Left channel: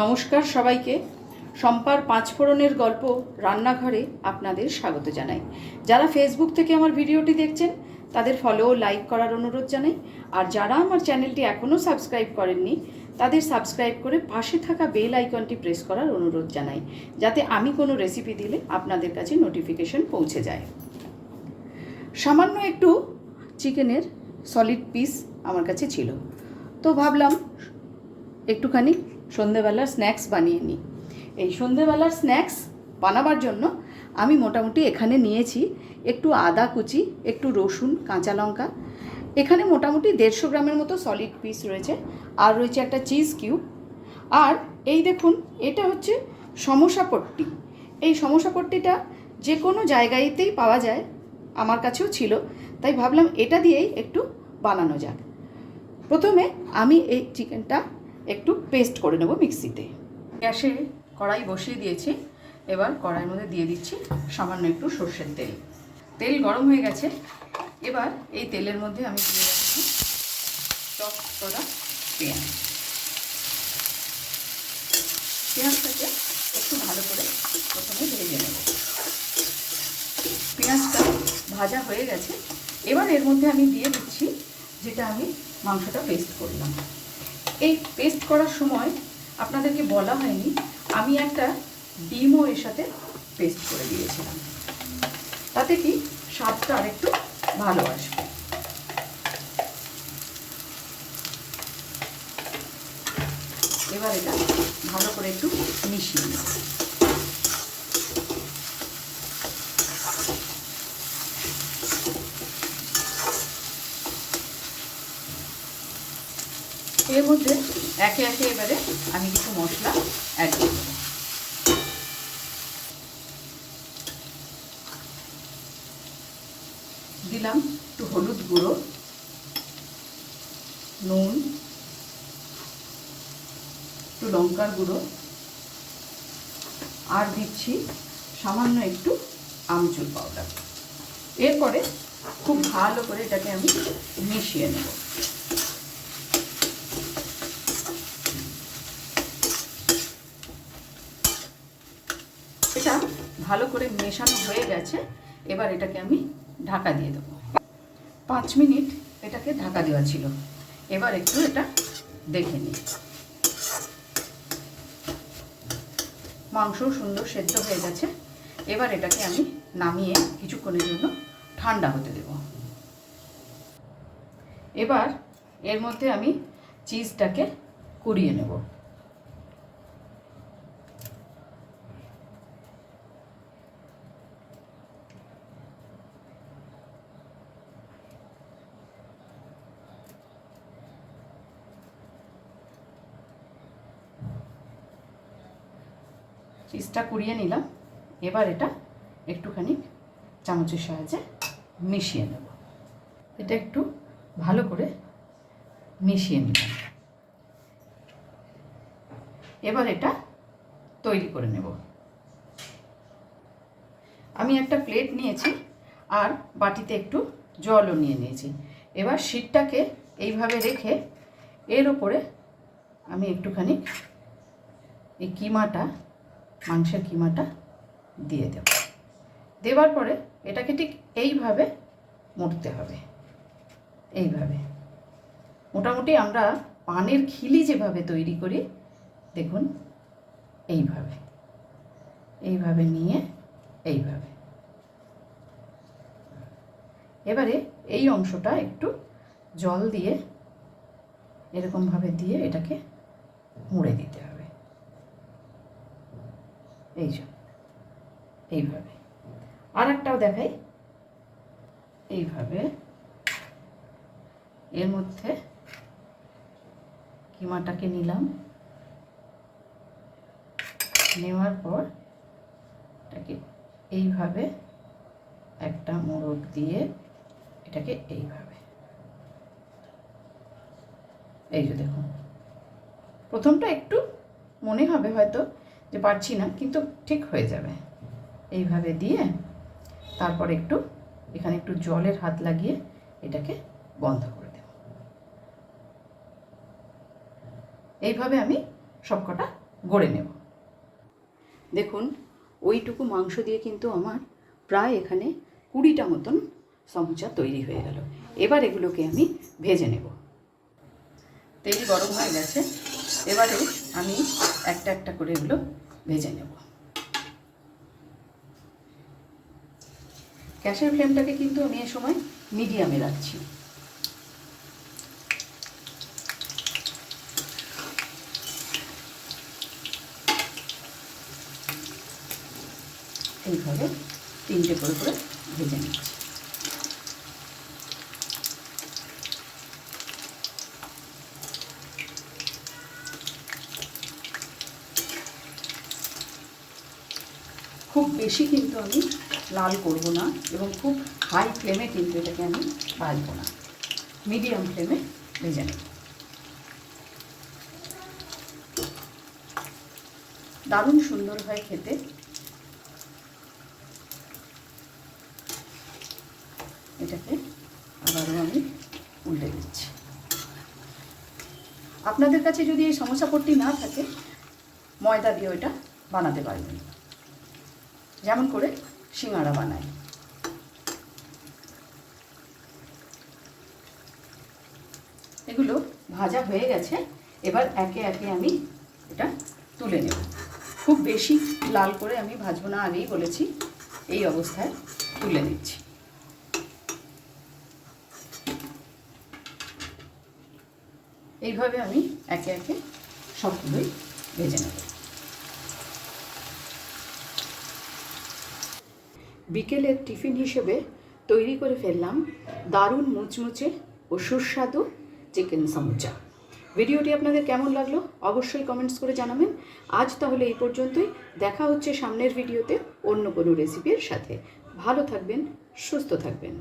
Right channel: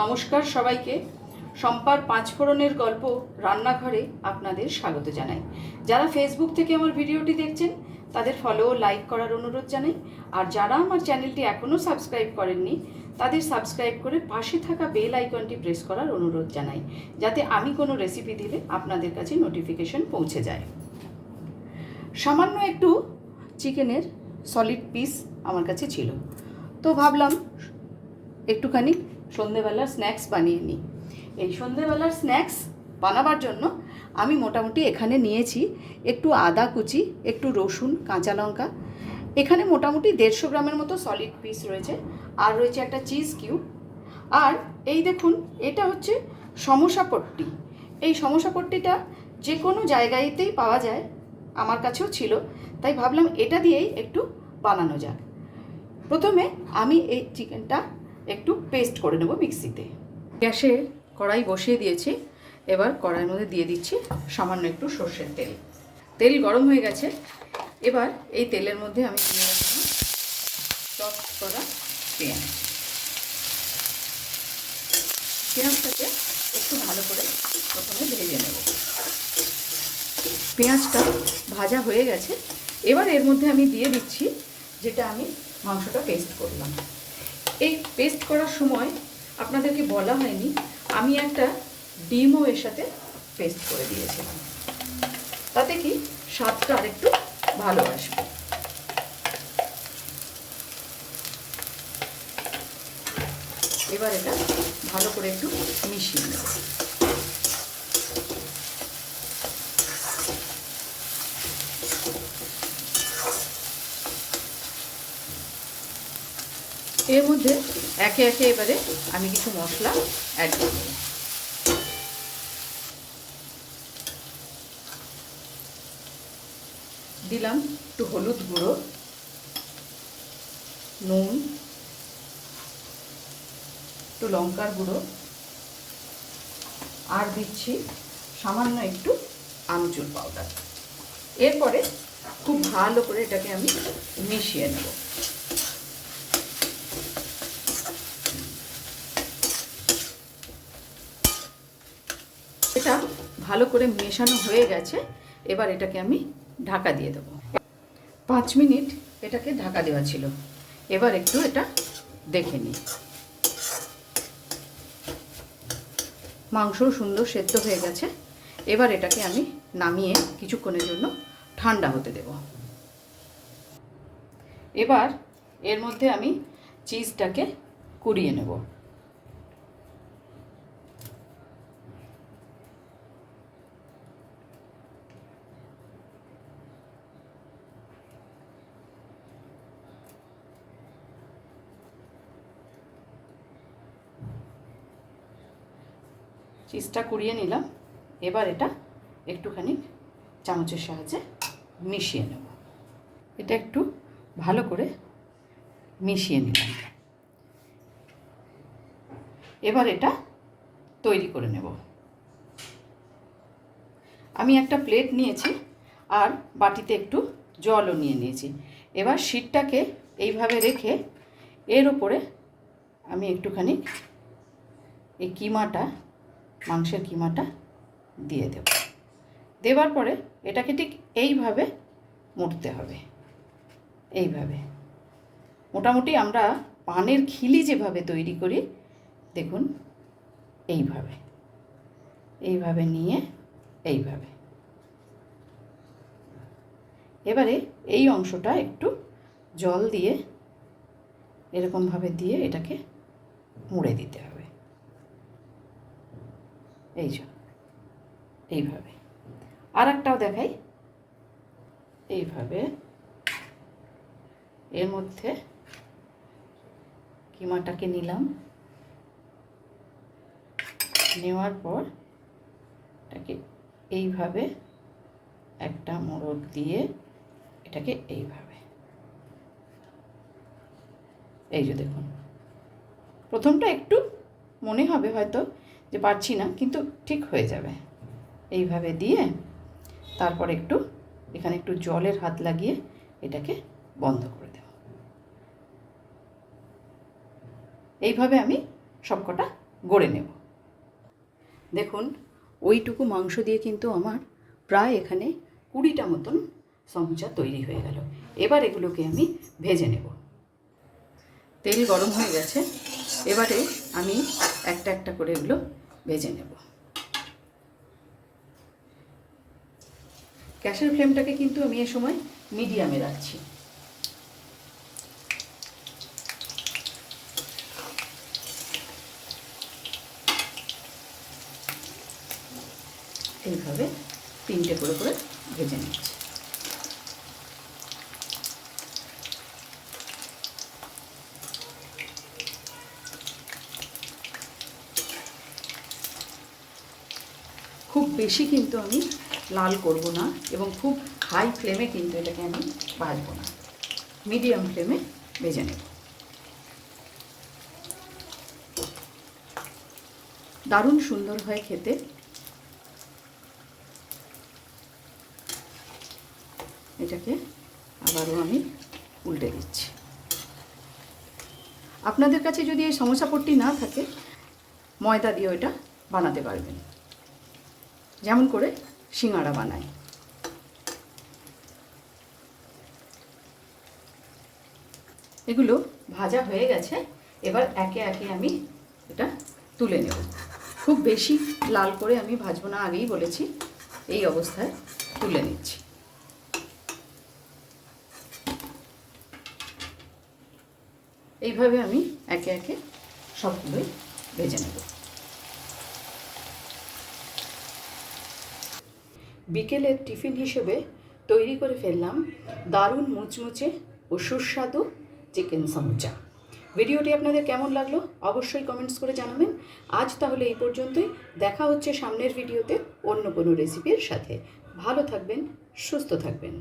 নমস্কার সবাইকে। সম্পার পাঁচফোড়নের গল্প রান্নাঘরে আপনাদের স্বাগত জানাই। যারা ফেসবুক থেকে আমার ভিডিওটি দেখছেন, তাদের ফলো লাইক করার অনুরোধ জানাই। আর যারা আমার চ্যানেলটি এখনও সাবস্ক্রাইব করেননি, তাদের সাবস্ক্রাইব করে পাশে থাকা বেল আইকনটি প্রেস করার অনুরোধ জানাই, যাতে আমি কোনো রেসিপি দিলে আপনাদের কাছে নোটিফিকেশন পৌঁছে যায়। সামান্য একটু চিকেনের সলিড পিস আমার কাছে ছিল। তো ভাবলাম, একটুখানি সন্ধেবেলার স্ন্যাক্স বানিয়ে নিই। এই সন্ধেবেলার স্ন্যাক্স বানাবার জন্য আমি মোটামুটি এখানে নিয়েছি একটু আদা কুচি, একটু রসুন, কাঁচা লঙ্কা। এখানে মোটামুটি দেড়শো গ্রামের মতো সলিড পিস রয়েছে, আর রয়েছে একটা চিজ কিউব আর এই দেখুন, এটা হচ্ছে সমোসাপট্টি এই সমোসাপট্টিটা যে কোনো জায়গাতেই পাওয়া যায়, আমার কাছেও ছিল, তাই ভাবলাম এটা দিয়েই একটু বানানো যাক। প্রথমে আমি এই চিকেনটা একটু পেস্ট করে নেব মিক্সিতে। গ্যাসে কড়াই বসিয়ে দিয়েছি। এবার কড়াইয়ের মধ্যে দিয়ে দিচ্ছি সামান্য একটু সর্ষের তেল। তেল গরম হয়ে গেছে। এবার এই তেলের মধ্যে আমি দিয়ে রাখছি চপ করা পেঁয়াজ। পেঁয়াজটাকে একটু ভালো করে প্রথমে ভেজে নেব। পেঁয়াজটা ভাজা হয়ে গেছে। এবার এর মধ্যে আমি দিয়ে দিচ্ছি যেটা আমি মাংসটা পেস্ট করলাম। এই পেস্ট করার সময় আপনাদেরকে বলা হয়নি, আমি একটা ডিমও এর সাথে পেস্ট করে দিয়েছিলাম। তাতে কি স্বাদটা আরেকটু ভালো আসবে। এবার এটা ভালো করে একটু মিশিয়ে নেব। এর মধ্যে একে একে এবারে আমি কিছু মশলা অ্যাড করব। দিলাম একটু হলুদ গুঁড়ো, নুন, একটু লঙ্কার গুঁড়ো, আর দিচ্ছি সামান্য একটু আমচুর পাউডার এরপরে খুব ভালো করে এটাকে আমি মিশিয়ে নেব এটা ভালো করে মেশানো হয়ে গেছে, এবার এটাকে আমি ঢাকা দিয়ে দেবো। পাঁচ মিনিট এটাকে ঢাকা দেওয়া ছিল। এবার একটু এটা দেখে নিই। মাংস সুন্দর সেদ্ধ হয়ে গেছে। এবার এটাকে আমি নামিয়ে কিছুক্ষণের জন্য ঠান্ডা হতে দেব। এবার এর মধ্যে আমি চিজটাকে কুড়িয়ে নেব। চিজটা কুড়িয়ে নিলাম। এবার এটা একটুখানি চামচের সাহায্যে মিশিয়ে নেব। এটা একটু ভালো করে মিশিয়ে নিলাম। এবার এটা তৈরি করে নেব। আমি একটা প্লেট নিয়েছি আর বাটিতে একটু জলও নিয়ে নিয়েছি। এবার শীতটাকে এইভাবে রেখে এর ওপরে আমি একটুখানি এই কিমাটা মাংসের কিমাটা দিয়ে দেব। দেওয়ার পরে এটাকে ঠিক এইভাবে মুড়তে হবে। এইভাবে। মোটামুটি আমরা পানের খিলি যেভাবে তৈরি করি, দেখুন, এইভাবে। এইভাবে নিয়ে এইভাবে। এবারে এই অংশটা একটু জল দিয়ে এরকমভাবে দিয়ে এটাকে মুড়ে দিতে এই যে, এইভাবে। আর একটাও দেখাই। এইভাবে এর মধ্যে কিমাটাকে নিলাম। নেওয়ার পর এটাকে এইভাবে একটা মোড়ক দিয়ে এটাকে এইভাবে। এই যে দেখুন। প্রথমটা একটু মনে হবে হয়তো। যে পারছি না, কিন্তু ঠিক হয়ে যাবে। এইভাবে দিয়ে তারপর একটু, এখানে একটু জলের হাত লাগিয়ে এটাকে বন্ধ করে দেব। এইভাবে আমি সবকটা গড়ে নেব। দেখুন, ওইটুকু মাংস দিয়ে কিন্তু আমার প্রায় এখানে কুড়িটা মতন সমুচা তৈরি হয়ে গেল। এবার এগুলোকে আমি ভেজে নেব। তেল গরম হয়ে গেছে। এবারে আমি একটা একটা করে এগুলো ভেজে নেব। গ্যাসের ফ্লেমটাকে কিন্তু আমি এ সময় মিডিয়ামে রাখছি। এইভাবে তিনটে করে করে ভেজে নিচ্ছি। খুব বেশি কিন্তু আমি লাল করব না এবং খুব হাই ফ্লেমে কিন্তু এটাকে আমি ভাজবো না। মিডিয়াম ফ্লেমে ভেজে নেব। দারুণ সুন্দর হয় খেতে। এটাকে আবারও আমি উল্টে দিচ্ছি। আপনাদের কাছে যদি এই সমস্যা পট্টি না থাকে, ময়দা দিয়ে এটা বানাতে পারবেন। যেমন করে সিঙ্গাড়া বানায় এগুলো ভাজা হয়ে গেছে, এবার একে একে আমি এটা তুলে নেব। খুব বেশি লাল করে আমি ভাজবো না, আগেই বলেছি, এই অবস্থায় তুলে নিচ্ছি। এইভাবে আমি একে একে সবগুলোই ভেজে নেব। বিকেলের টিফিন হিসেবে তৈরি করে ফেললাম দারুণ মুচমুচে ও সুস্বাদু চিকেন সমুচা। ভিডিওটি আপনাদের কেমন লাগল অবশ্যই কমেন্টস করে জানাবেন। আজ তাহলে এই পর্যন্তই। দেখা হচ্ছে সামনের ভিডিওতে অন্য কোনো রেসিপির সাথে। ভালো থাকবেন, সুস্থ থাকবেন।